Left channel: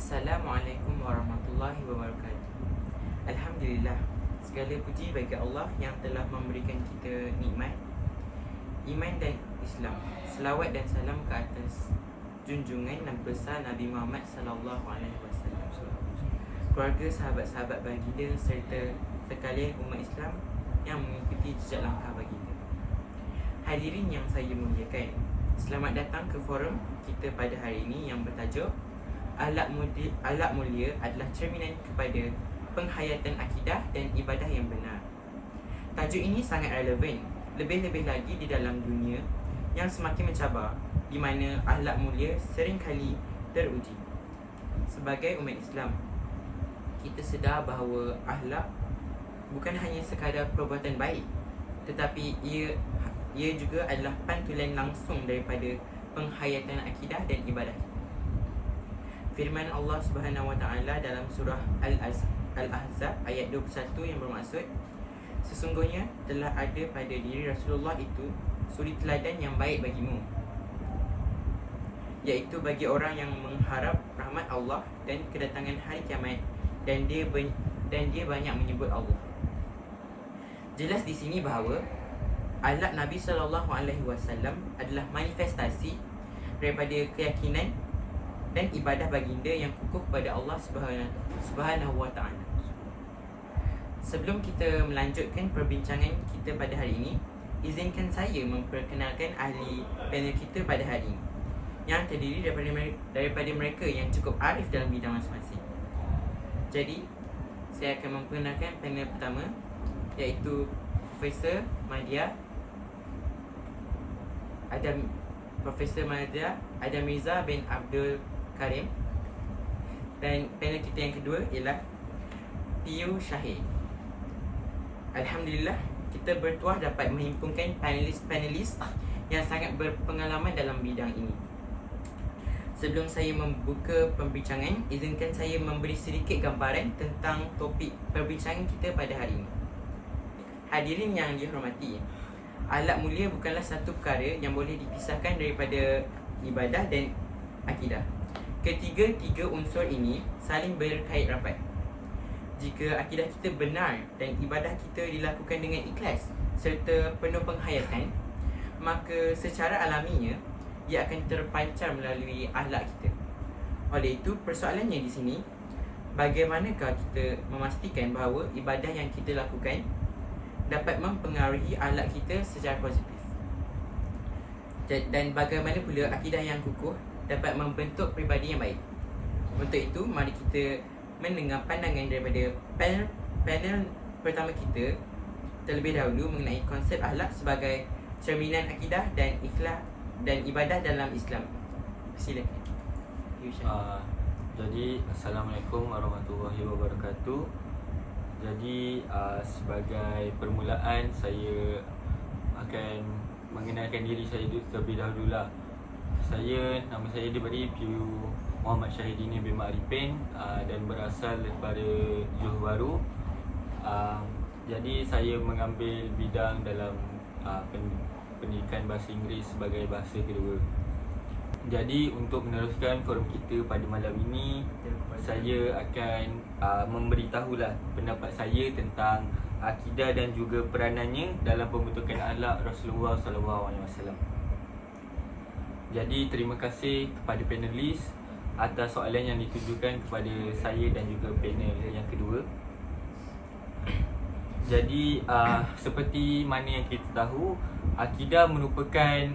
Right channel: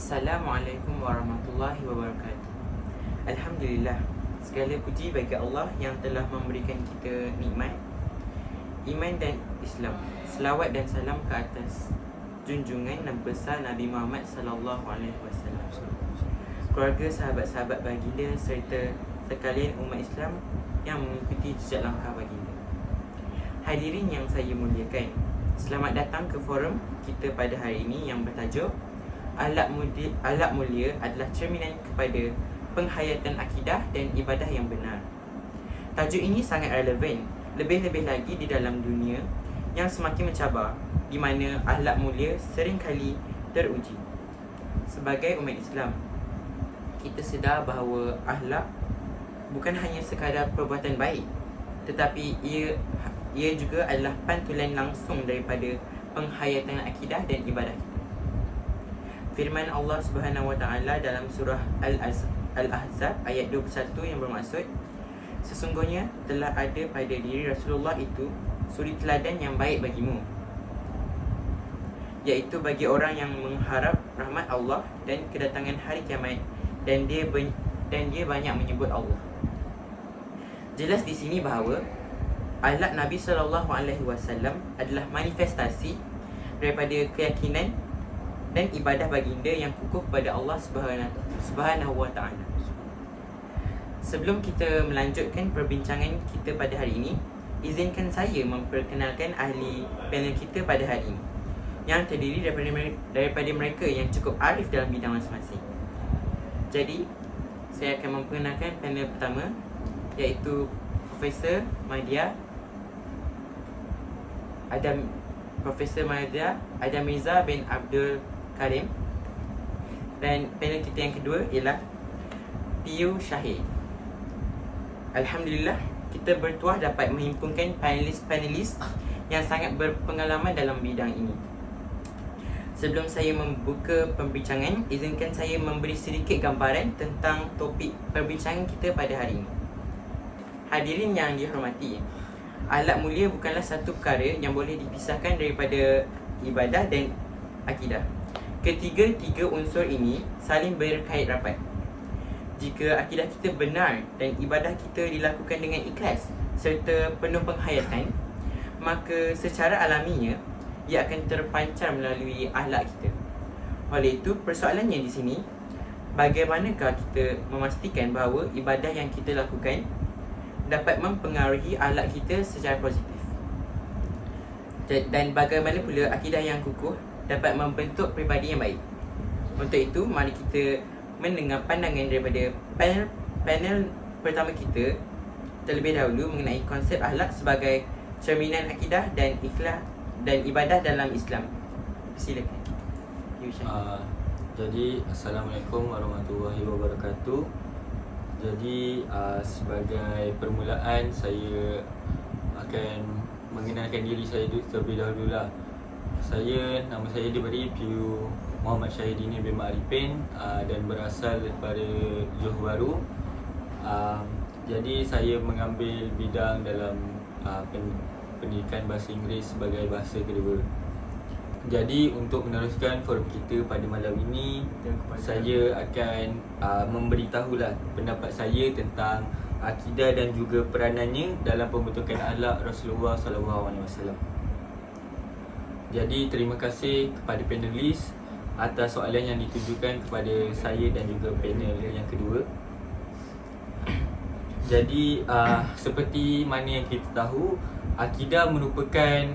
Assalamualaikum warahmatullahi wabarakatuh. Alhamdulillah, segala puji bagi Allah yang telah memberikan kita nikmat iman dan Islam. Selawat dan salam ke atas junjungan dan besar Nabi Muhammad sallallahu alaihi wasallam, keluarga, sahabat-sahabat baginda serta sekalian umat Islam yang mengikuti jejak langkah baginda. Hadirin yang saya muliakan, selamat datang ke forum kita pada hari ini yang bertajuk Akhlak mulia adalah cerminan kepada penghayatan akidah dan ibadah yang benar. Tajuk ini sangat relevan, lebih-lebih lagi di dalam dunia yang semakin mencabar, di mana akhlak mulia seringkali teruji. Sebagai umat Islam, kita sedar bahawa akhlak bukan hanya sekadar perbuatan baik, tetapi ia juga adalah pantulan langsung daripada penghayatan akidah dan ibadah kita. Firman Allah Subhanahu Wa Taala dalam surah Al-Ahzab ayat 21 yang bermaksud, sesungguhnya telah ada pada diri Rasulullah itu suri teladan yang baik bagimu, iaitu bagi orang yang mengharap rahmat Allah dan kedatangan hari kiamat, dan dia banyak menyebut Allah. Jelas di sini bahawa akhlak Nabi SAW adalah manifestasi daripada keyakinan dan ibadah baginda yang kukuh kepada Allah Subhanahu Wa Taala. Sebelum kita melanjutkan perbincangan kita pada hari ini, izinkan saya memperkenalkan ahli panel kita pada hari ini, yang terdiri daripada mereka yang cukup arif dalam bidang masing-masing. Jadi, saya akan memperkenalkan panel pertama, iaitu Profesor Madya Adam Mirza bin Abdul Karim, dan panel kita yang kedua ialah Piyu Syahid. Alhamdulillah, kita bertuah dapat menghimpunkan panelis-panelis yang sangat berpengalaman dalam bidang ini. Sebelum saya membuka pembincangan, izinkan saya memberi sedikit gambaran tentang topik perbincangan kita pada hari ini. Hadirin yang dihormati, akhlak mulia bukanlah satu perkara yang boleh dipisahkan daripada ibadah dan akidah. Ketiga-tiga unsur ini saling berkait rapat. Jika akidah kita benar dan ibadah kita dilakukan dengan ikhlas serta penuh penghayatan, maka secara alaminya ia akan terpancar melalui akhlak kita. Oleh itu, persoalannya di sini, bagaimanakah kita memastikan bahawa ibadah yang kita lakukan dapat mempengaruhi akhlak kita secara positif, dan bagaimana pula akidah yang kukuh dapat membentuk pribadi yang baik. Untuk itu, mari kita mendengar pandangan daripada panel pertama kita terlebih dahulu mengenai konsep akhlak sebagai cerminan akidah dan ikhlas dan ibadah dalam Islam. Silakan. Jadi, Assalamualaikum warahmatullahi wabarakatuh. Jadi, sebagai permulaan, saya akan mengenalkan diri saya terlebih dahulu lah. Nama saya diberi Piyu Muhammad Syahidini bin Ma'arifin, dan berasal daripada Johor Bahru. Jadi, saya mengambil bidang dalam pendidikan bahasa Inggeris sebagai bahasa kedua. Jadi, untuk meneruskan forum kita pada malam ini, saya akan memberitahulah pendapat saya tentang akidah dan juga peranannya dalam pembentukan akhlak Rasulullah SAW. Jadi, terima kasih kepada panelis atas soalan yang ditujukan kepada saya dan juga panel yang kedua. Jadi, seperti mana yang kita tahu, akidah merupakan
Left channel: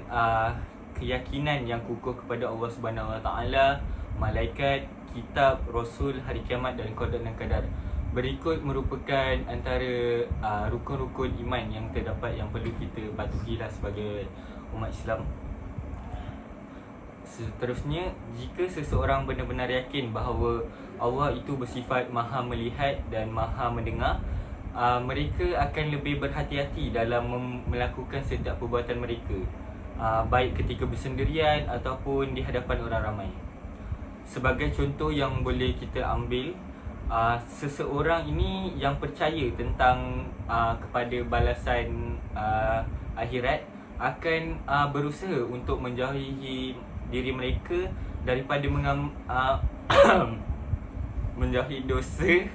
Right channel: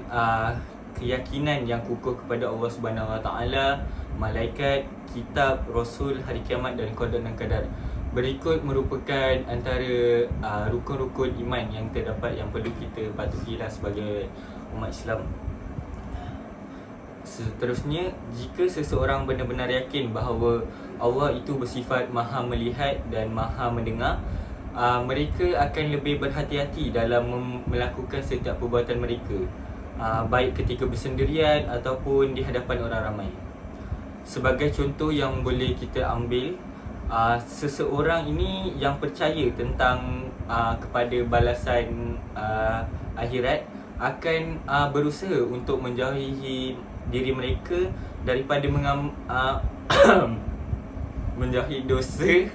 keyakinan yang kukuh kepada Allah Subhanahu Wa Taala, malaikat, kitab, rasul, hari kiamat dan qada dan qadar. Berikut merupakan antara rukun-rukun iman yang terdapat yang perlu kita patuhilah sebagai umat Islam. Seterusnya, jika seseorang benar-benar yakin bahawa Allah itu bersifat maha melihat dan maha mendengar, mereka akan lebih berhati-hati dalam melakukan setiap perbuatan mereka, baik ketika bersendirian ataupun di hadapan orang ramai. Sebagai contoh yang boleh kita ambil, seseorang ini yang percaya tentang kepada balasan akhirat akan berusaha untuk menjauhi diri mereka daripada menjauhi dosa.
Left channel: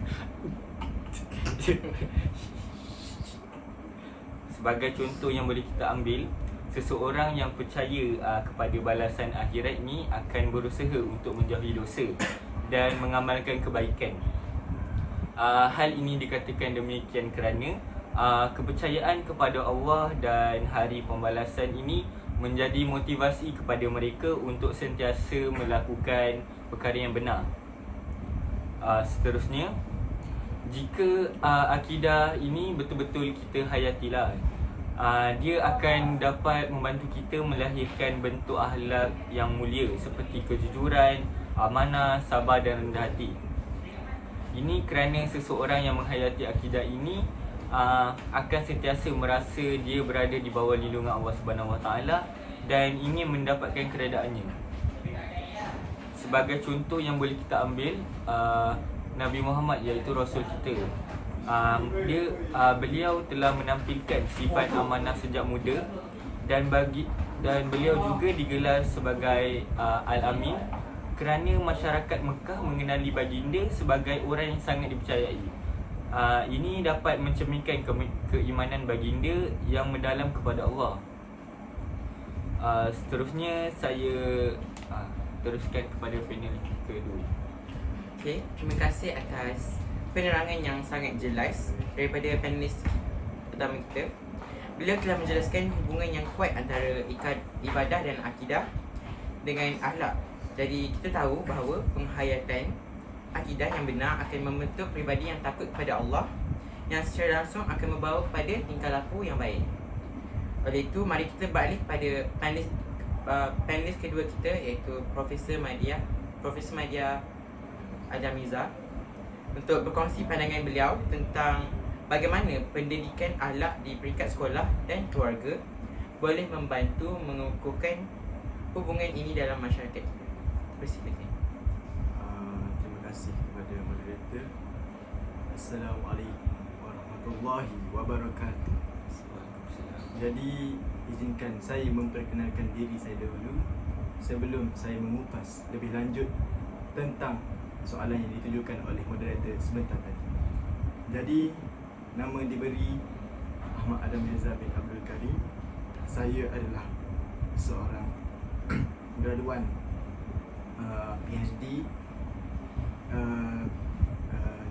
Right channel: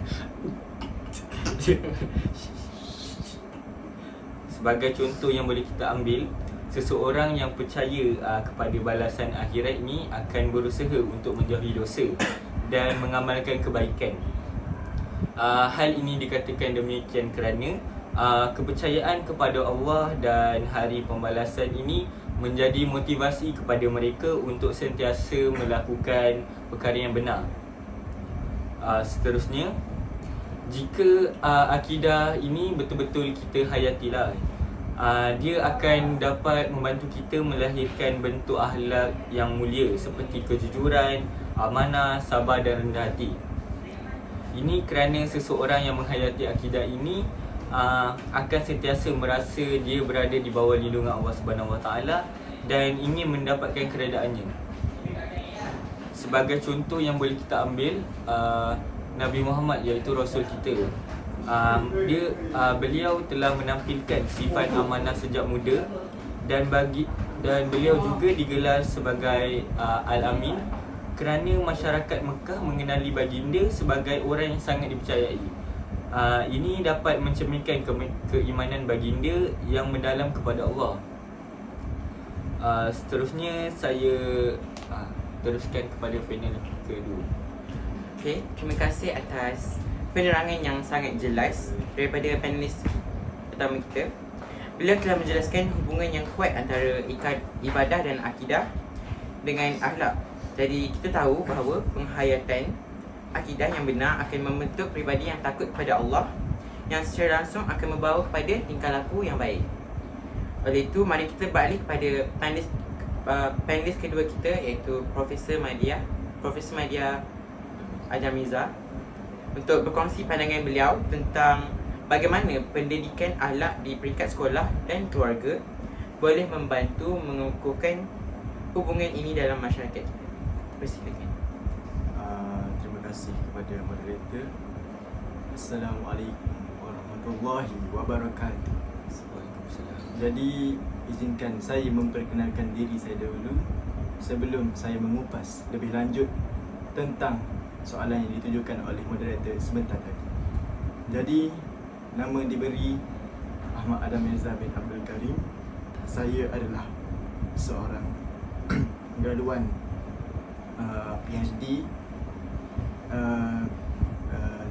Sebagai contoh yang boleh kita ambil, seseorang yang percaya kepada balasan akhirat ni akan berusaha untuk menjauhi dosa dan mengamalkan kebaikan. Hal ini dikatakan demikian kerana kepercayaan kepada Allah dan hari pembalasan ini menjadi motivasi kepada mereka untuk sentiasa melakukan perkara yang benar. Seterusnya, jika akidah ini betul-betul kita hayatilah, dia akan dapat membantu kita melahirkan bentuk akhlak yang mulia seperti kejujuran, amanah, sabar dan rendah hati. Ini kerana seseorang yang menghayati akidah ini akan sentiasa merasa dia berada di bawah lindungan Allah Subhanahu Wa Taala dan ingin mendapatkan keredaannya. Sebagai contoh yang boleh kita ambil, Nabi Muhammad iaitu Rasul kita. Beliau telah menampilkan sifat amanah sejak muda dan beliau juga digelar sebagai Al-Amin kerana masyarakat Mekah mengenali baginda sebagai orang yang sangat dipercayai. Ini dapat mencerminkan keimanan baginda yang mendalam kepada Allah. Seterusnya saya teruskan kepada panel kedua. Okey, terima kasih atas penerangan yang sangat jelas daripada panelis pertama kita. Beliau telah menjelaskan hubungan yang kuat antara ibadah dan akidah dengan akhlak. Jadi kita tahu bahawa penghayatan akidah yang benar akan membentuk peribadi yang takut kepada Allah, yang secara langsung akan membawa kepada tingkah laku yang baik. Oleh itu, mari kita beralih kepada panelis kedua kita, iaitu Profesor Madya Ajamiza, untuk berkongsi pandangan beliau tentang bagaimana pendidikan akhlak di peringkat sekolah dan keluarga boleh membantu mengukuhkan hubungan ini dalam masyarakat. Persilakan. Terima kasih kepada moderator. Assalamualaikum warahmatullahi wabarakatuh. Jadi izinkan saya memperkenalkan diri saya dahulu sebelum saya mengupas lebih lanjut tentang soalan yang ditujukan oleh moderator sebentar tadi. Jadi nama diberi Ahmad Adam Mirza bin Abdul Karim. Saya adalah seorang graduan PhD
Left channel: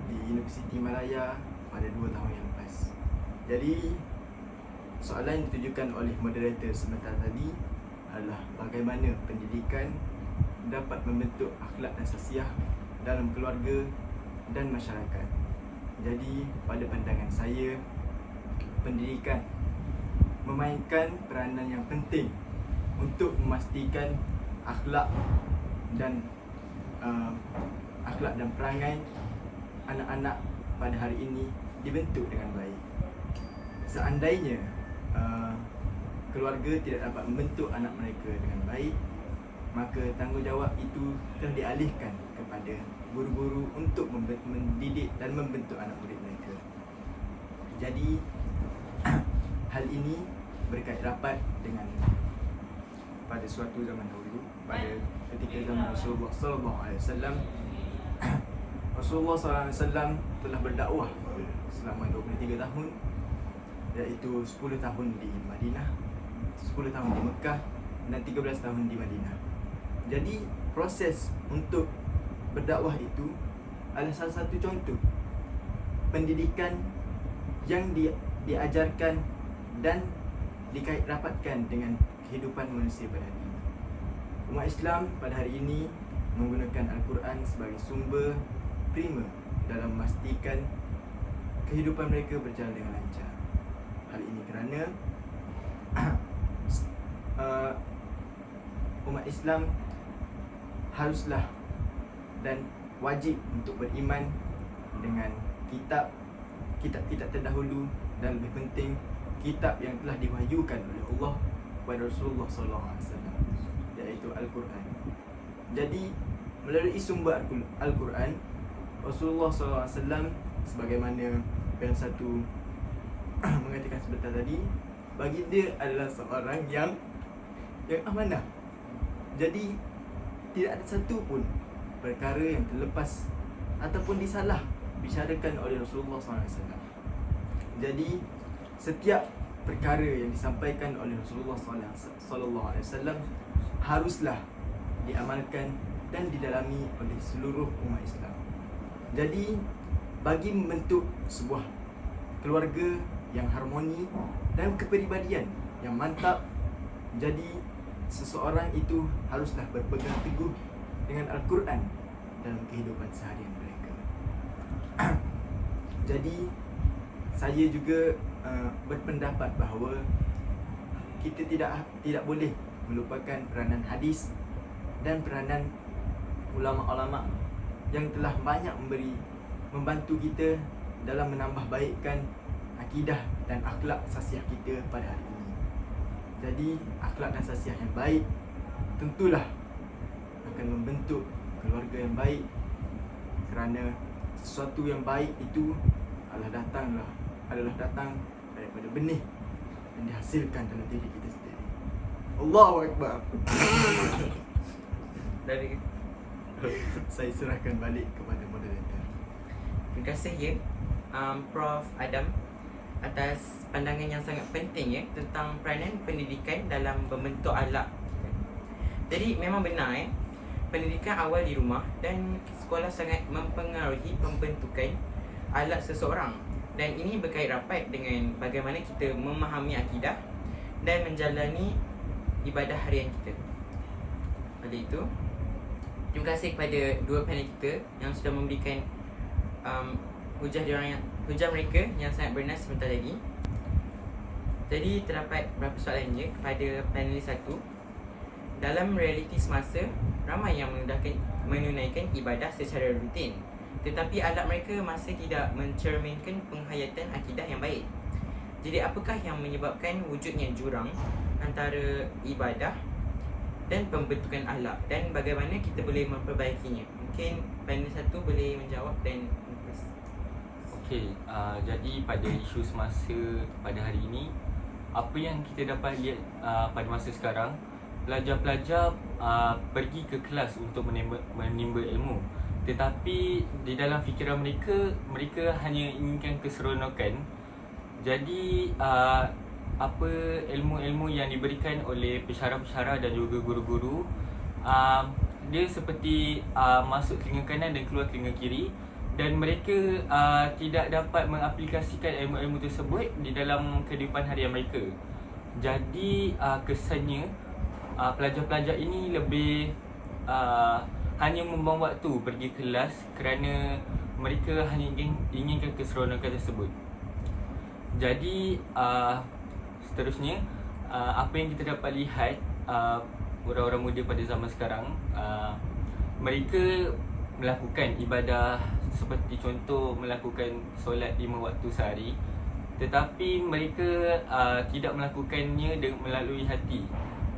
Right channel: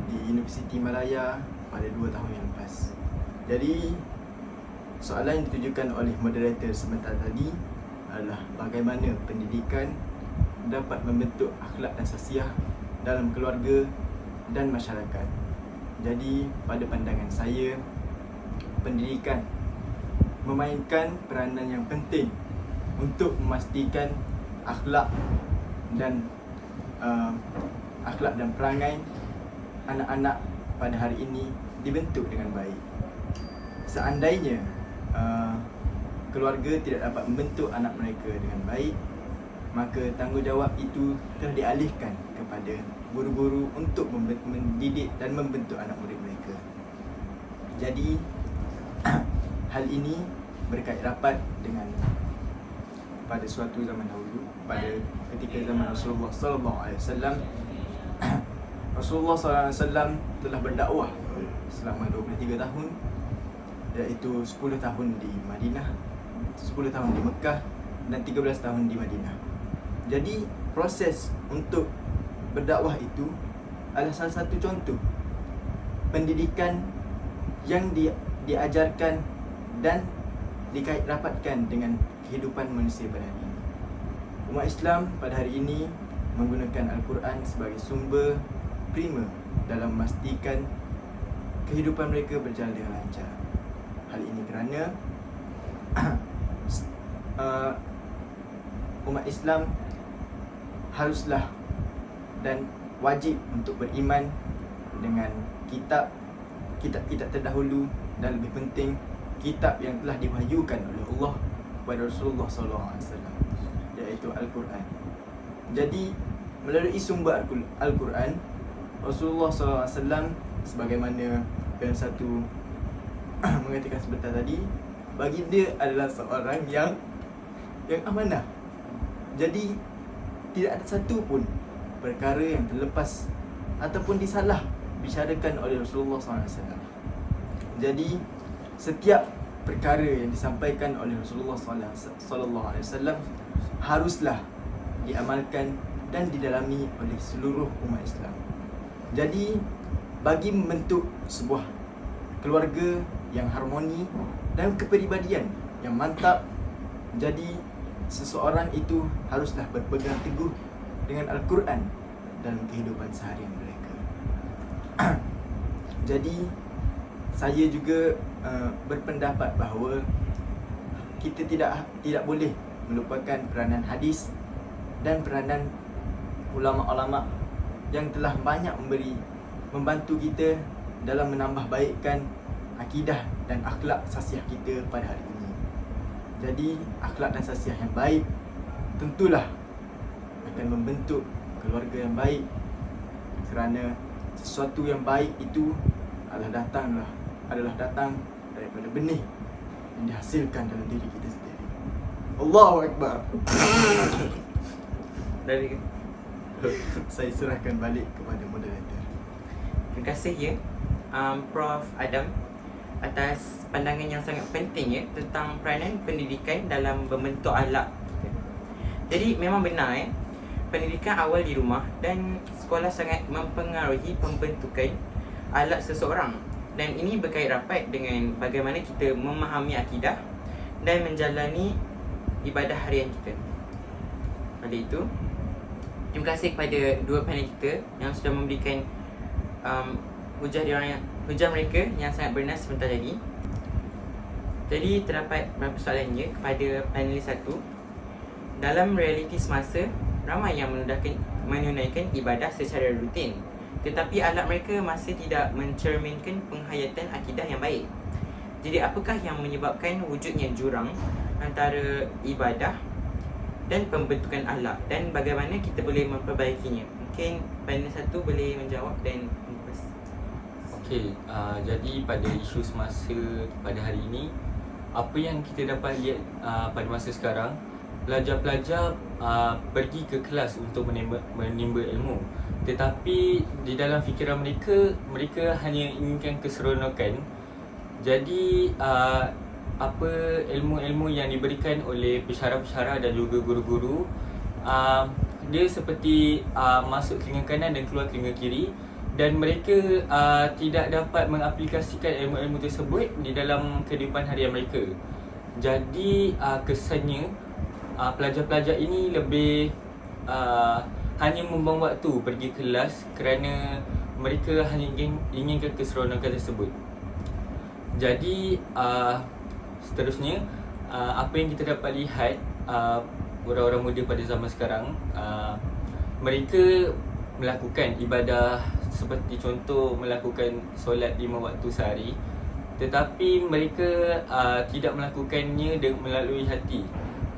di Universiti Malaya pada 2 tahun yang lepas. Jadi soalan yang ditujukan oleh moderator sebentar tadi adalah bagaimana pendidikan dapat membentuk akhlak dan sasiah dalam keluarga dan masyarakat. Jadi pada pandangan saya, pendidikan memainkan peranan yang penting untuk memastikan akhlak dan perangai anak-anak pada hari ini dibentuk dengan baik. Seandainya keluarga tidak dapat membentuk anak mereka dengan baik, maka tanggungjawab itu telah dialihkan kepada guru-guru untuk mendidik dan membentuk anak murid mereka. Jadi hal ini berkait rapat dengan pada suatu zaman dahulu, pada ketika zaman Rasulullah sallallahu alaihi wasallam. Rasulullah sallallahu alaihi wasallam telah berdakwah selama 23 tahun, iaitu 10 tahun di Madinah, 10 tahun di Mekah dan 13 tahun di Madinah. Jadi proses untuk berdakwah itu adalah salah satu contoh pendidikan yang diajarkan dan dikait rapatkan dengan kehidupan manusia pada hari ini. Umat Islam pada hari ini menggunakan Al-Quran sebagai sumber prima dalam memastikan kehidupan mereka berjalan dengan lancar. Hal ini kerana umat Islam haruslah dan wajib untuk beriman dengan kitab terdahulu dan lebih penting kitab yang telah diwahyukan oleh Allah kepada Rasulullah SAW, iaitu Al-Quran. Jadi melalui sumber Al-Quran, Rasulullah SAW sebagaimana yang satu mengatakan sebentar tadi, baginda adalah seorang yang amanah. Jadi tidak ada satu pun perkara yang terlepas ataupun disalah bicarakan oleh Rasulullah SAW. Jadi setiap perkara yang disampaikan oleh Rasulullah SAW haruslah diamalkan dan didalami oleh seluruh umat Islam. Jadi bagi membentuk sebuah keluarga yang harmoni dan kepribadian yang mantap, jadi seseorang itu haruslah berpegang teguh dengan Al-Quran dalam kehidupan seharian mereka. Jadi saya juga berpendapat bahawa kita tidak boleh melupakan peranan hadis dan peranan ulama-ulama yang telah banyak membantu kita dalam menambah baikkan akidah dan akhlak sasiah kita pada hari ini. Jadi akhlak dan sasiah yang baik tentulah akan membentuk keluarga yang baik, kerana sesuatu yang baik itu adalah datang daripada benih yang dihasilkan dalam diri kita sendiri. Allahu Akbar. Dari Saya serahkan balik kepada moderator. terima kasih ya Prof Adam atas pandangan yang sangat penting ya tentang peranan pendidikan dalam membentuk akhlak. Jadi memang benar pendidikan awal di rumah dan sekolah sangat mempengaruhi pembentukan akhlak seseorang, dan ini berkait rapat dengan bagaimana kita memahami akidah dan menjalani ibadah harian kita. Oleh itu, terima kasih kepada dua panel kita yang sudah memberikan hujah mereka yang sangat bernas sebentar tadi. Jadi terdapat beberapa soalannya kepada panelis satu. Dalam realiti semasa, ramai yang menunaikan ibadah secara rutin, tetapi akhlak mereka masih tidak mencerminkan penghayatan akidah yang baik. Jadi apakah yang menyebabkan wujudnya jurang antara ibadah dan pembentukan akhlak, dan bagaimana kita boleh memperbaikinya? Mungkin panel satu boleh menjawab dan Okey, jadi pada isu semasa pada hari ini, apa yang kita dapat lihat pada masa sekarang, pelajar-pelajar pergi ke kelas untuk menimba ilmu, tetapi di dalam fikiran mereka hanya inginkan keseronokan. Jadi apa ilmu-ilmu yang diberikan oleh pensyarah-pensyarah dan juga guru-guru, dia seperti masuk telinga kanan dan keluar telinga kiri, dan mereka tidak dapat mengaplikasikan ilmu-ilmu tersebut di dalam kehidupan harian mereka. Jadi kesannya pelajar-pelajar ini lebih hanya membuang waktu pergi kelas kerana mereka hanya inginkan keseronokan tersebut. Jadi seterusnya, apa yang kita dapat lihat orang-orang muda pada zaman sekarang, mereka melakukan ibadah seperti contoh melakukan solat 5 waktu sehari, tetapi mereka tidak melakukannya melalui hati.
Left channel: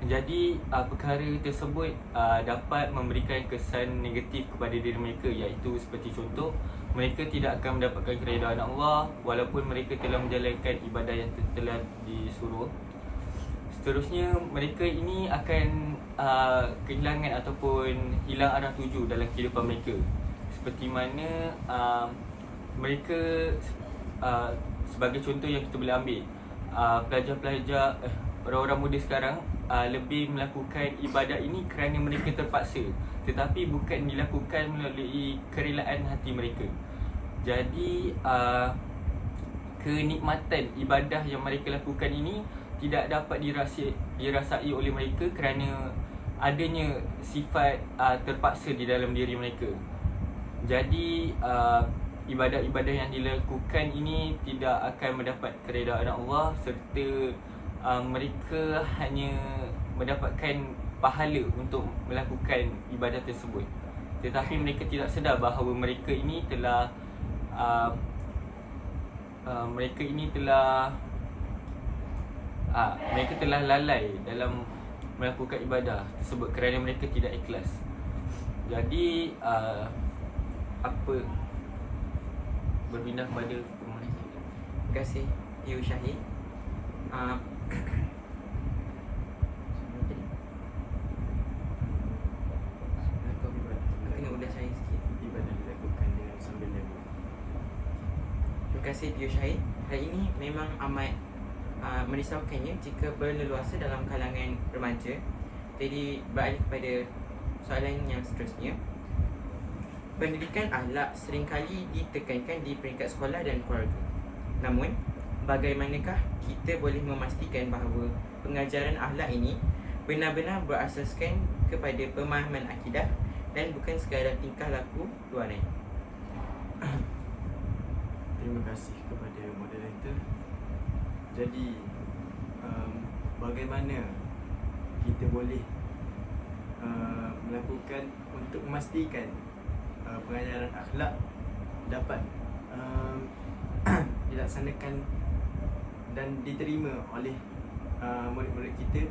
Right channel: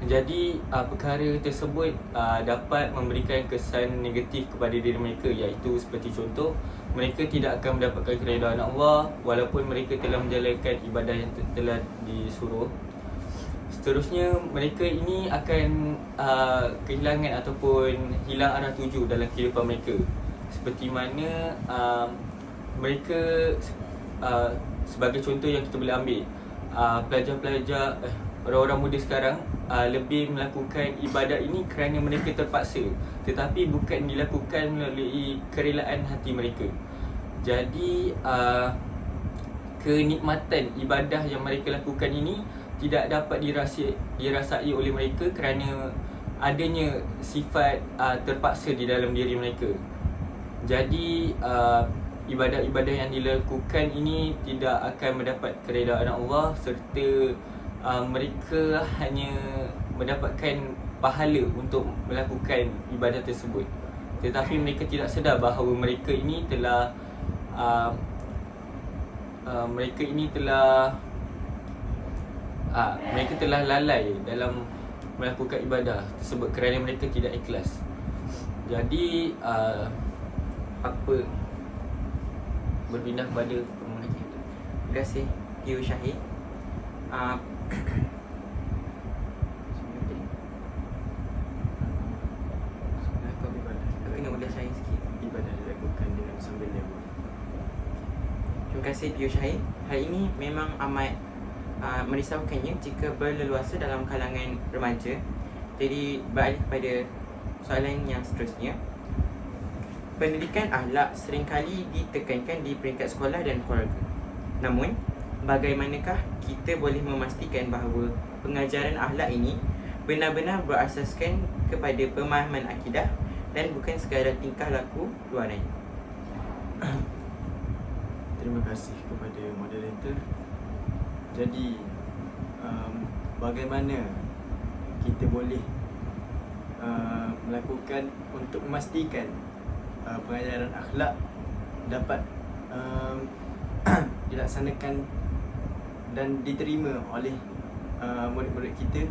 Jadi perkara tersebut dapat memberikan kesan negatif kepada diri mereka, iaitu seperti contoh, mereka tidak akan mendapatkan keredaan Allah walaupun mereka telah menjalankan ibadah yang telah disuruh. Seterusnya, mereka ini akan kehilangan ataupun hilang arah tuju dalam kehidupan mereka. Seperti mana mereka sebagai contoh yang kita boleh ambil, pelajar-pelajar orang-orang muda sekarang lebih melakukan ibadah ini kerana mereka terpaksa, tetapi bukan dilakukan melalui kerelaan hati mereka. Jadi kenikmatan ibadah yang mereka lakukan ini tidak dapat dirasai oleh mereka kerana adanya sifat terpaksa di dalam diri mereka. Jadi ibadah-ibadah yang dilakukan ini tidak akan mendapat keredaan Allah, serta mereka hanya mendapatkan pahala untuk melakukan ibadah tersebut, tetapi mereka tidak sedar bahawa mereka ini telah mereka telah lalai dalam melakukan ibadah tersebut kerana mereka tidak ikhlas. Jadi apa berpindah kepada pemohon kita. terima kasih Yu Syahid. Kena udah saya sikit. Ibadah dilakukan dengan Terima kasih Tio Syahid. Hal ini memang amat merisaukannya jika berleluasa dalam kalangan remaja. Jadi beralih kepada soalan yang seterusnya. Pendidikan akhlak seringkali ditekankan di peringkat sekolah dan keluarga. Namun, bagaimanakah kita boleh memastikan bahawa pengajaran akhlak ini benar-benar berasaskan kepada pemahaman akidah dan bukan sekadar tingkah laku luaran? Terima kasih kepada moderator. Jadi bagaimana kita boleh melakukan untuk memastikan pengajaran akhlak dapat dilaksanakan dan diterima oleh murid-murid kita?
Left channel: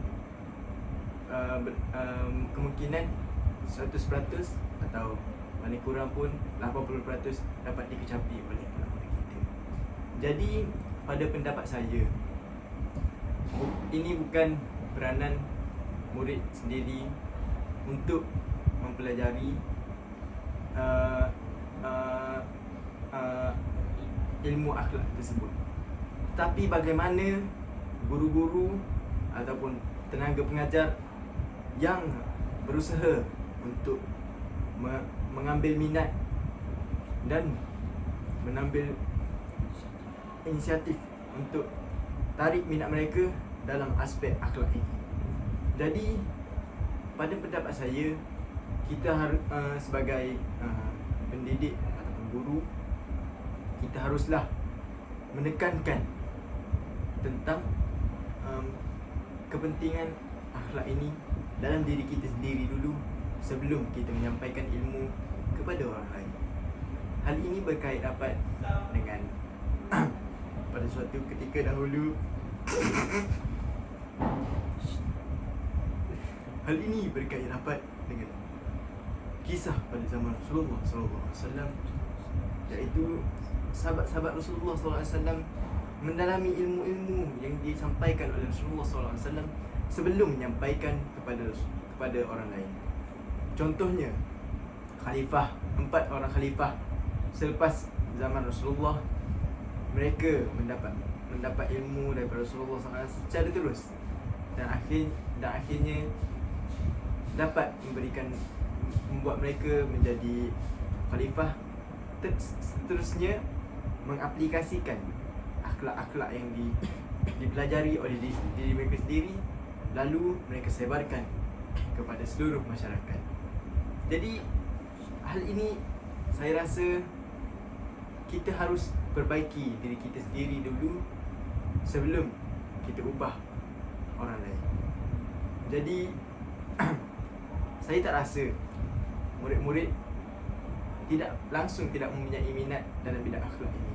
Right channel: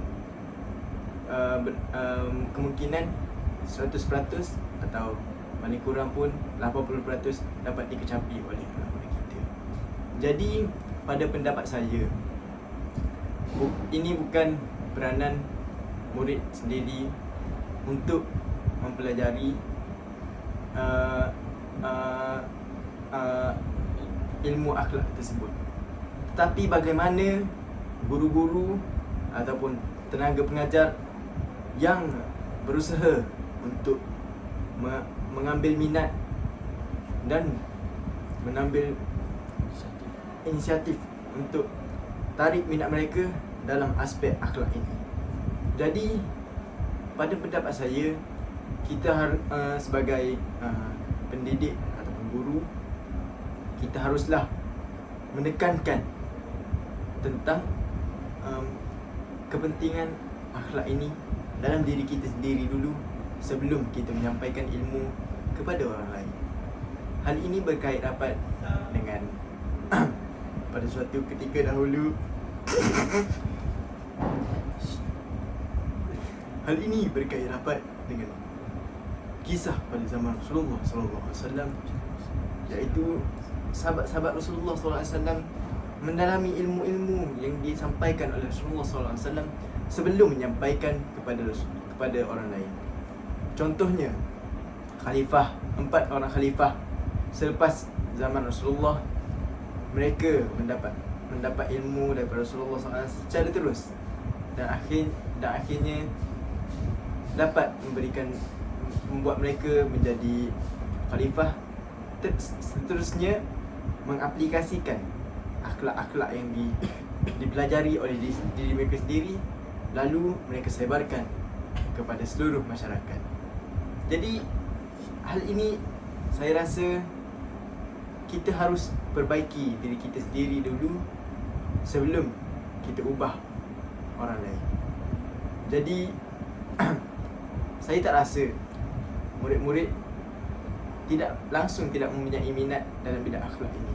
Kemungkinan 100% atau paling kurang pun 80% dapat dikecapi oleh anak-anak kita. Jadi pada pendapat saya, ini bukan peranan murid sendiri untuk mempelajari ilmu akhlak tersebut. Tetapi bagaimana guru-guru ataupun tenaga pengajar yang berusaha untuk mengambil minat dan mengambil inisiatif untuk tarik minat mereka dalam aspek akhlak ini. Jadi pada pendapat saya, kita sebagai pendidik ataupun guru, kita haruslah menekankan tentang kepentingan akhlak ini dalam diri kita sendiri dulu sebelum kita menyampaikan ilmu kepada orang lain. Hal ini berkait rapat dengan pada suatu ketika dahulu hal ini berkait rapat dengan kisah pada zaman Rasulullah SAW, iaitu sahabat-sahabat Rasulullah SAW mendalami ilmu-ilmu yang disampaikan oleh Rasulullah SAW sebelum menyampaikan kepada orang lain. Contohnya, 4 orang khalifah selepas zaman Rasulullah, mereka mendapat ilmu daripada Rasulullah SAW secara terus dan akhirnya dapat membuat mereka menjadi khalifah. Seterusnya mengaplikasikan akhlak-akhlak yang dipelajari oleh diri mereka sendiri, lalu mereka sebarkan kepada seluruh masyarakat. Jadi hal ini saya rasa kita harus perbaiki diri kita sendiri dulu sebelum kita ubah orang lain. Jadi saya tak rasa murid-murid tidak mempunyai minat dalam bidang akhlak ini,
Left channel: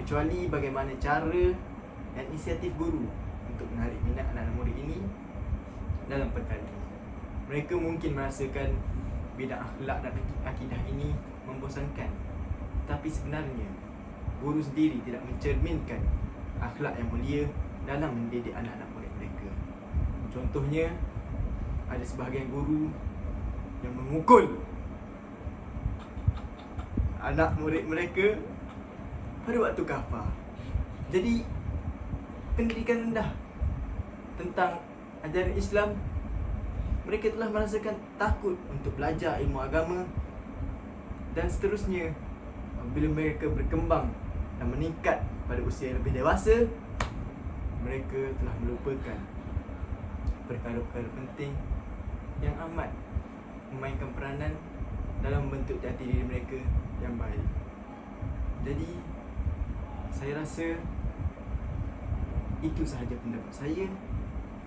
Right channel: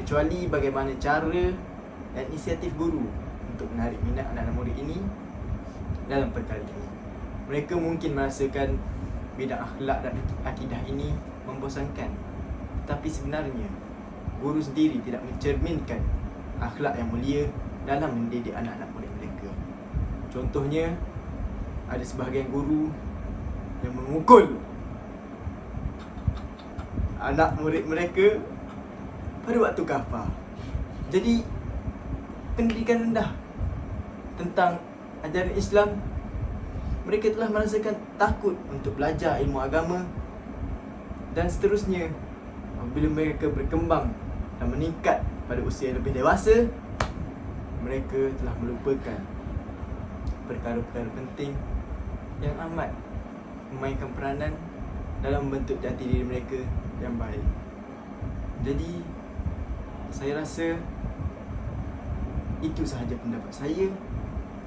kecuali bagaimana cara dan inisiatif guru untuk menarik minat anak-anak murid ini dalam perkara ini. Mereka mungkin merasakan bidang akhlak dan akidah ini membosankan, tetapi sebenarnya guru sendiri tidak mencerminkan akhlak yang mulia dalam mendidik anak-anak murid mereka. Contohnya, ada sebahagian guru yang memukul anak murid mereka pada waktu kafar. Jadi pendidikan rendah tentang ajaran Islam, mereka telah merasakan takut untuk belajar ilmu agama, dan seterusnya bila mereka berkembang dan meningkat pada usia yang lebih dewasa, mereka telah melupakan perkara-perkara penting yang amat memainkan peranan dalam membentuk jati diri mereka yang baik. Jadi saya rasa itu sahaja pendapat saya.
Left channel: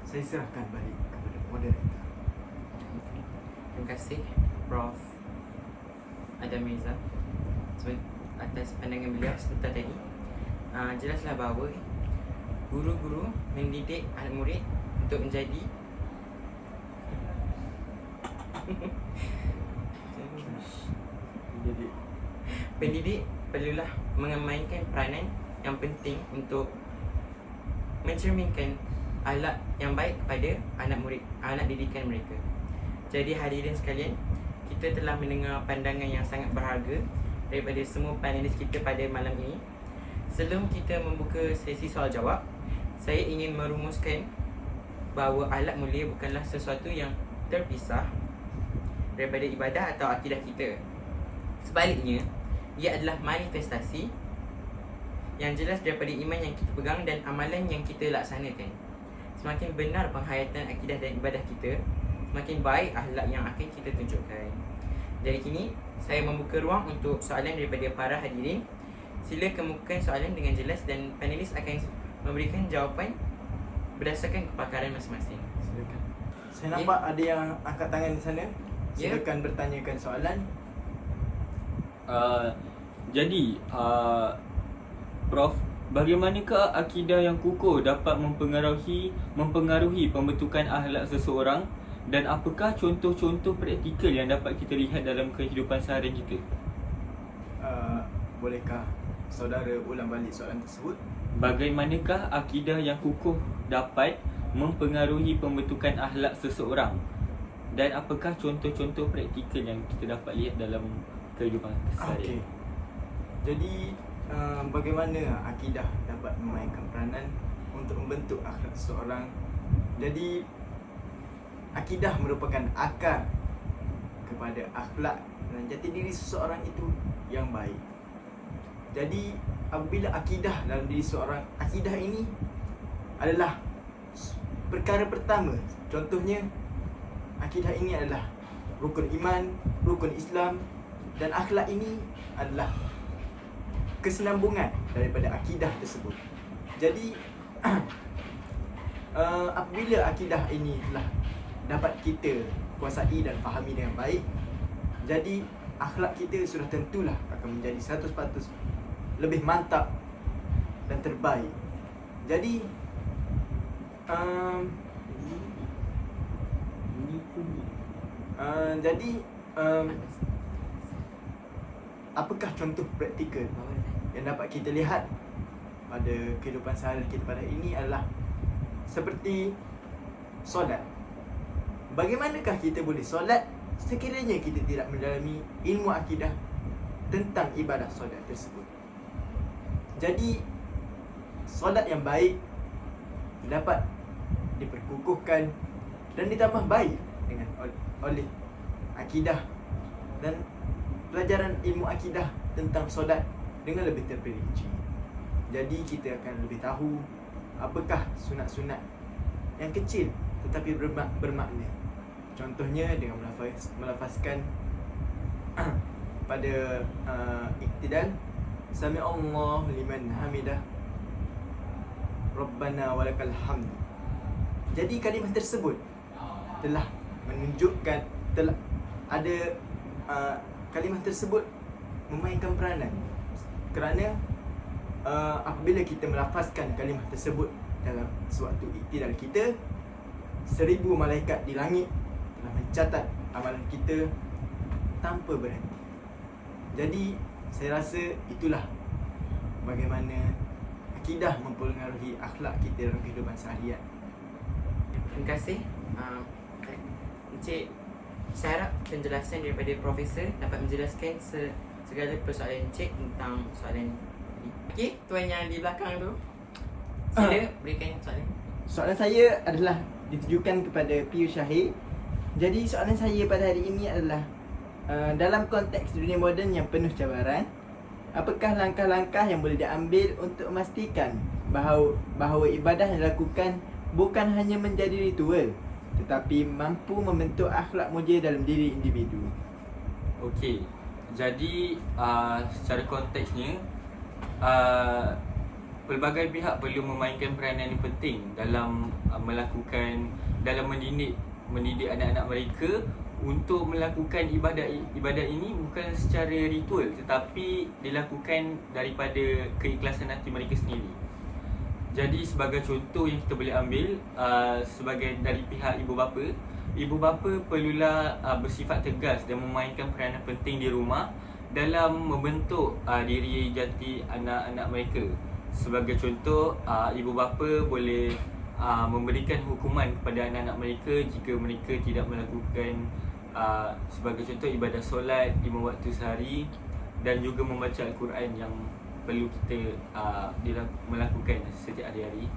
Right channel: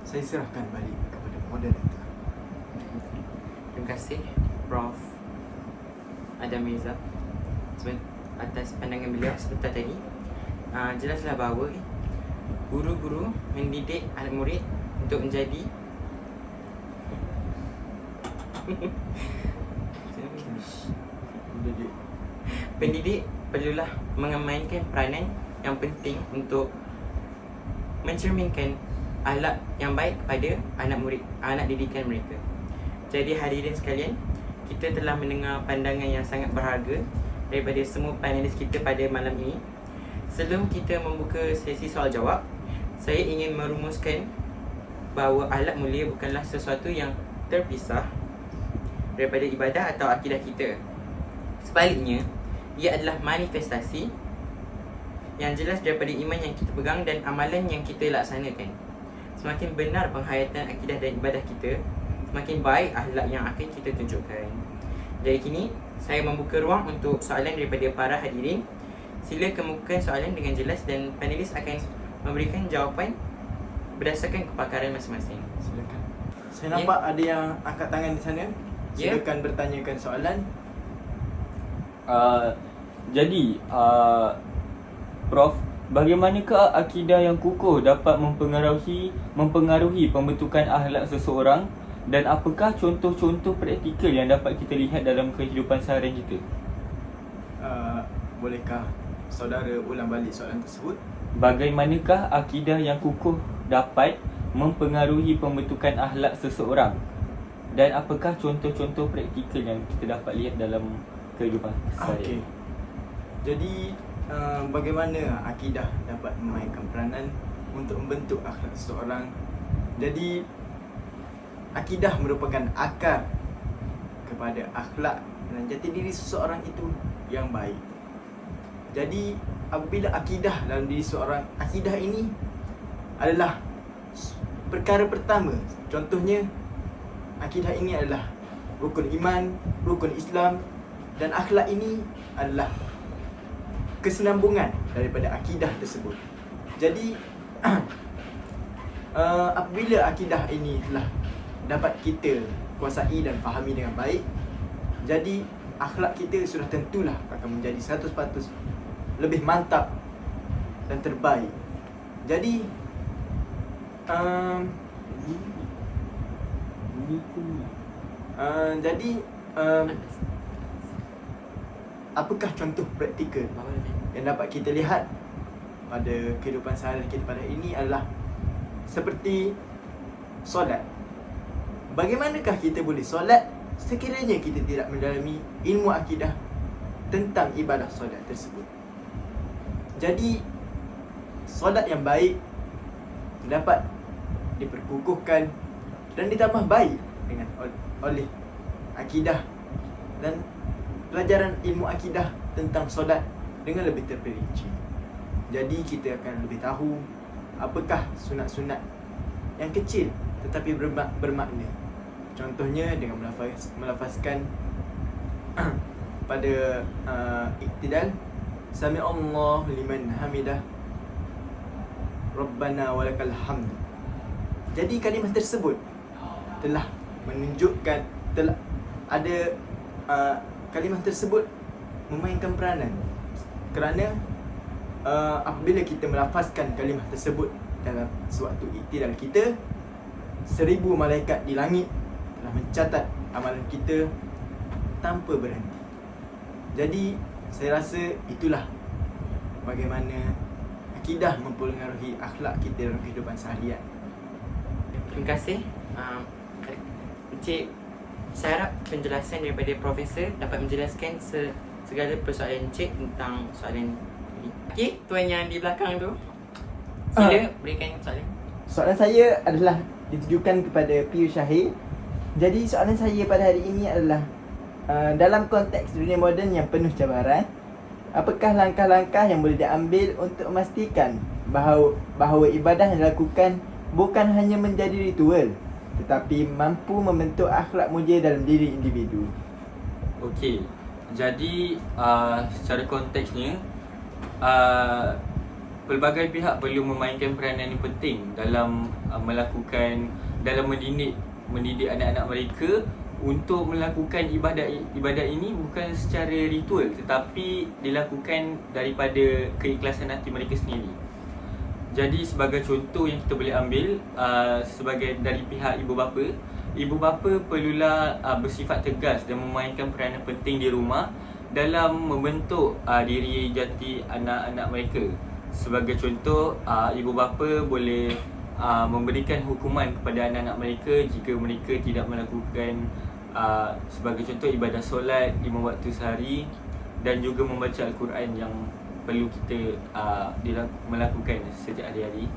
Saya serahkan balik kepada moderator. Terima kasih Prof. Adam Mirza atas pandangan beliau sebentar tadi. Jelaslah bahawa guru-guru mendidik anak murid untuk menjadi pendidik perlulah memainkan peranan yang penting untuk mencerminkan akhlak yang baik kepada anak murid, anak didikan mereka. Jadi hadirin sekalian, kita telah mendengar pandangan yang sangat berharga daripada semua panelis kita pada malam ini. Sebelum kita membuka sesi soal jawab, saya ingin merumuskan bahawa akhlak mulia bukanlah sesuatu yang terpisah daripada ibadah atau akidah kita. Sebaliknya, ia adalah manifestasi yang jelas daripada iman yang kita pegang dan amalan yang kita laksanakan. Semakin benar penghayatan akidah dan ibadah kita, semakin baik akhlak yang akan kita tunjukkan. Jadi kini, saya membuka ruang untuk soalan daripada para hadirin. Sila kemukakan soalan dengan jelas dan panelis akan memberikan jawapan berdasarkan kepakaran masing-masing. Silakan. Saya nampak ada yang angkat tangan di sana. Ya. Silakan bertanyakan soalan. Jadi, Prof, bagaimanakah akidah yang kukuh dapat mempengaruhi pembentukan akhlak seseorang, dan apakah contoh-contoh praktikal yang dapat kita lihat dalam kehidupan seharian kita? Bolehkah saudara ulang balik soalan tersebut? Bagaimanakah akidah yang kukuh dapat mempengaruhi pembentukan akhlak seseorang, dan apakah contoh-contoh praktikal yang kita dapat lihat dalam kehidupan seharian? Okey. Jadi bagaimana akidah dapat memainkan peranan untuk membentuk akhlak seseorang? Jadi akidah merupakan akar kepada akhlak dan jati diri seseorang itu yang baik. Jadi apabila akidah dalam diri seseorang, akidah ini adalah perkara pertama. Contohnya, akidah ini adalah rukun iman, rukun Islam, dan akhlak ini adalah kesinambungan daripada akidah tersebut. Jadi apabila akidah ini telah dapat kita kuasai dan fahami dengan baik, jadi akhlak kita sudah tentulah akan menjadi 100% lebih mantap dan terbaik. Jadi apakah contoh praktikal yang dapat kita lihat pada kehidupan seharian kita pada ini adalah seperti solat. Bagaimanakah kita boleh solat sekiranya kita tidak mendalami ilmu akidah tentang ibadah solat tersebut? Jadi solat yang baik dapat diperkukuhkan dan ditambah baik dengan oleh akidah dan pelajaran ilmu akidah tentang solat dengan lebih terperinci. Jadi kita akan lebih tahu apakah sunat-sunat yang kecil tetapi bermakna. Contohnya dengan melafazkan pada iktidal, Sami Allahu liman hamidah, Rabbana walakal hamd. Jadi kalimah tersebut telah menunjukkan, telah ada kalimah tersebut memainkan peranan. Kerana apabila kita melafazkan kalimah tersebut dalam sewaktu iktidal kita, 1000 malaikat di langit telah mencatat amalan kita tanpa berhenti. Jadi saya rasa itulah bagaimana akidah mempengaruhi akhlak kita dalam kehidupan seharian. Terima kasih. Encik, saya harap penjelasan daripada Profesor dapat menjelaskan segala persoalan Encik tentang soalan ini. Okey, tuan yang di belakang tu, sila berikan soalan. Soalan saya adalah ditujukan kepada Piyu Syahir. Jadi soalan saya pada hari ini adalah dalam konteks dunia moden yang penuh cabaran, apakah langkah-langkah yang boleh diambil untuk memastikan bahawa ibadah yang dilakukan bukan hanya menjadi ritual tetapi mampu membentuk akhlak mulia dalam diri individu? Okey, jadi secara konteksnya, pelbagai pihak perlu memainkan peranan yang penting dalam mendidik anak-anak mereka untuk melakukan ibadah ini bukan secara ritual tetapi dilakukan daripada keikhlasan hati mereka sendiri. Jadi sebagai contoh yang kita boleh ambil sebagai dari pihak ibu bapa perlulah bersifat tegas dan memainkan peranan penting di rumah dalam membentuk diri jati anak-anak mereka. Sebagai contoh, ibu bapa boleh memberikan hukuman kepada anak-anak mereka jika mereka tidak melakukan sebagai contoh ibadah solat 5 waktu sehari dan juga membaca Al-Quran yang perlu kita melakukan setiap hari-hari.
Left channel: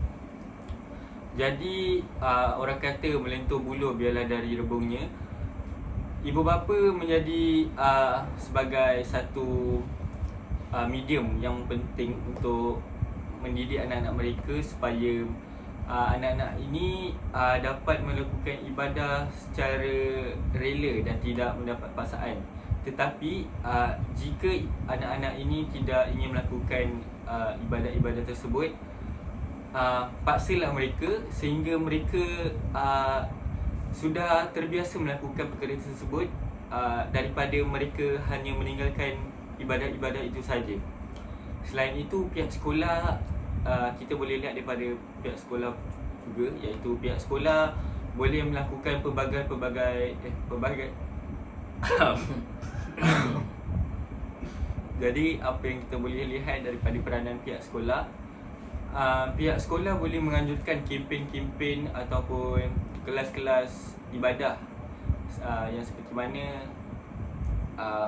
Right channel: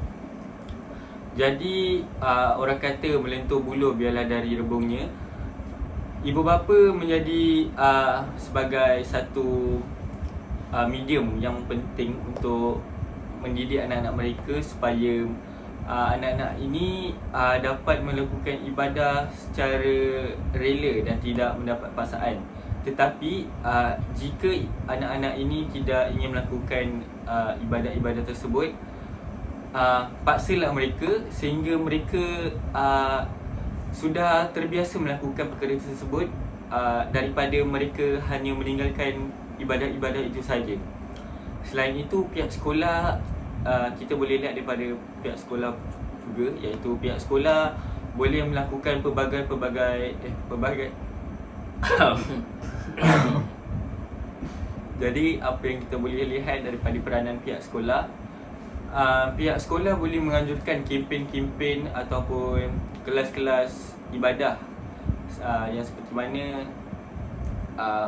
Jadi orang kata melentur buluh biarlah dari rebungnya. Ibu bapa menjadi sebagai satu medium yang penting untuk mendidik anak-anak mereka supaya anak-anak ini dapat melakukan ibadah secara rela dan tidak mendapat paksaan. Tetapi jika anak-anak ini tidak ingin melakukan ibadah-ibadah tersebut, paksalah mereka sehingga mereka sudah terbiasa melakukan perkara tersebut daripada mereka hanya meninggalkan ibadah-ibadah itu saja. Selain itu, pihak sekolah, kita boleh lihat daripada pihak sekolah juga, iaitu pihak sekolah boleh melakukan pelbagai jadi apa yang kita boleh lihat daripada peranan pihak sekolah, pihak sekolah boleh menganjurkan kempen-kempen ataupun kelas-kelas ibadah yang seperti mana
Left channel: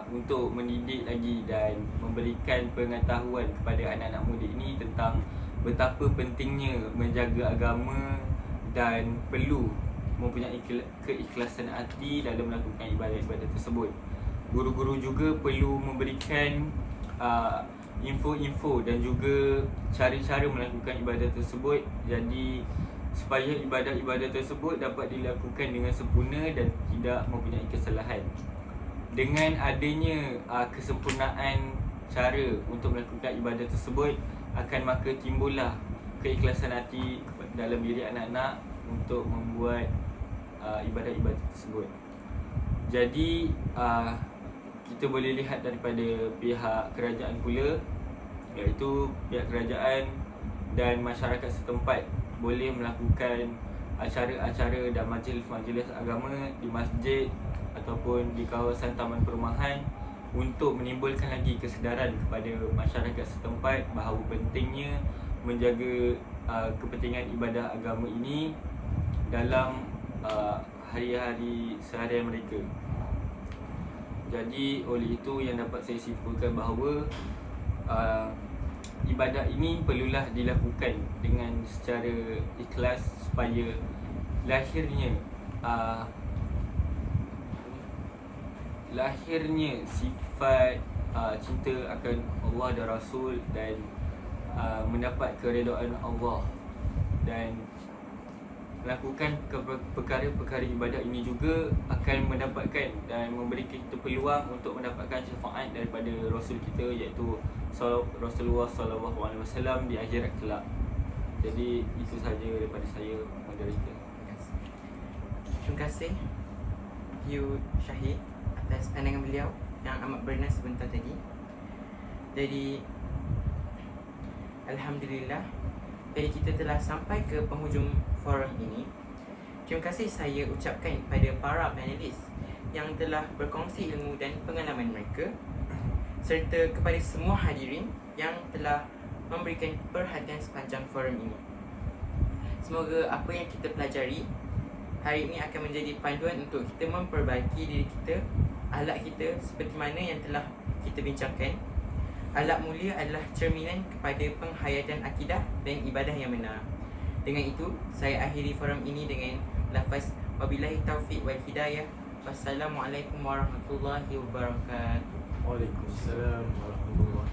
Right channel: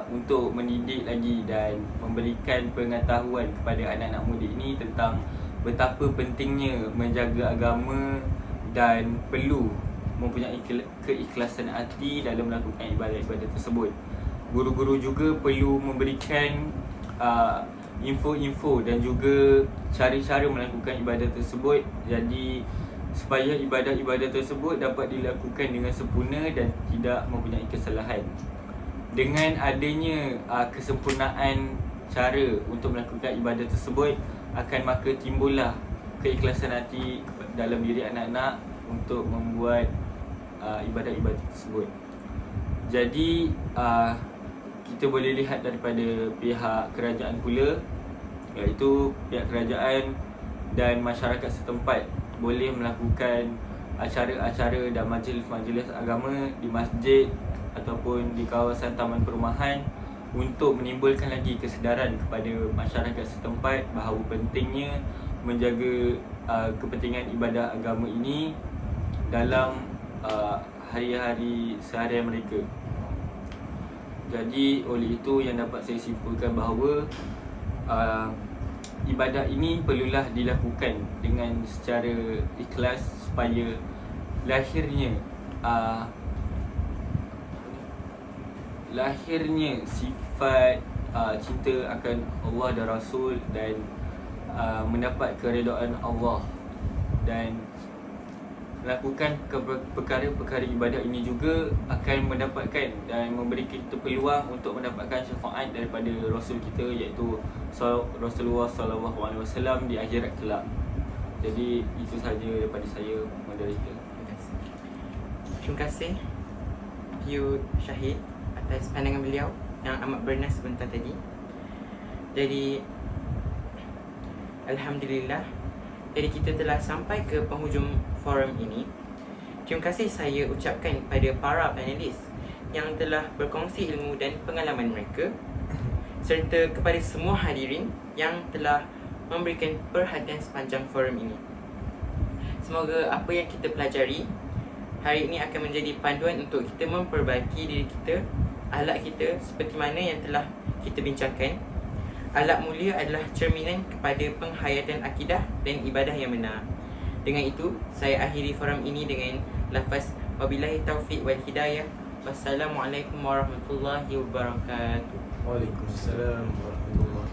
untuk mendidik lagi dan memberikan pengetahuan kepada anak-anak muda ini tentang betapa pentingnya menjaga agama dan perlu mempunyai keikhlasan hati dalam melakukan ibadah-ibadah tersebut. Guru-guru juga perlu memberikan info-info dan juga cara-cara melakukan ibadah tersebut, jadi supaya ibadah-ibadah tersebut dapat dilakukan dengan sempurna dan tidak mempunyai kesalahan. Dengan adanya kesempurnaan cara untuk melakukan ibadah tersebut, akan maka timbullah keikhlasan hati dalam diri anak-anak untuk membuat ibadah-ibadah tersebut. Jadi kita boleh lihat daripada pihak kerajaan pula, iaitu pihak kerajaan dan masyarakat setempat boleh melakukan acara-acara dan majlis-majlis agama di masjid ataupun di kawasan taman perumahan untuk menimbulkan lagi kesedaran kepada masyarakat setempat bahawa pentingnya menjaga kepentingan ibadah agama ini dalam hari-hari seharian mereka. Jadi oleh itu yang dapat saya simpulkan bahawa ibadah ini perlulah dilakukan dengan secara ikhlas supaya lahirnya sifat cinta akan Allah dan Rasul dan mendapat keredaan Allah, dan melakukan perkara-perkara ibadah ini juga akan mendapatkan dan memberi kita peluang untuk mendapatkan syafaat daripada Rasul kita, iaitu Rasulullah SAW di akhirat kelak. Jadi itu sahaja daripada saya, moderator. Terima kasih Q Syahid atas pandangan beliau yang amat bernas sebentar tadi. Jadi Alhamdulillah, jadi kita telah sampai ke penghujung forum ini. Terima kasih saya ucapkan kepada para panelis yang telah berkongsi ilmu dan pengalaman mereka, serta kepada semua hadirin yang telah memberikan perhatian sepanjang forum ini. Semoga apa yang kita pelajari hari ini akan menjadi panduan untuk kita memperbaiki diri kita, akhlak kita seperti mana yang telah kita bincangkan. Akhlak mulia adalah cerminan kepada penghayatan akidah dan ibadah yang benar. Dengan itu, saya akhiri forum ini dengan lafaz wabillahi taufiq wal hidayah. Wassalamualaikum warahmatullahi wabarakatuh. Waalaikumsalam warahmatullahi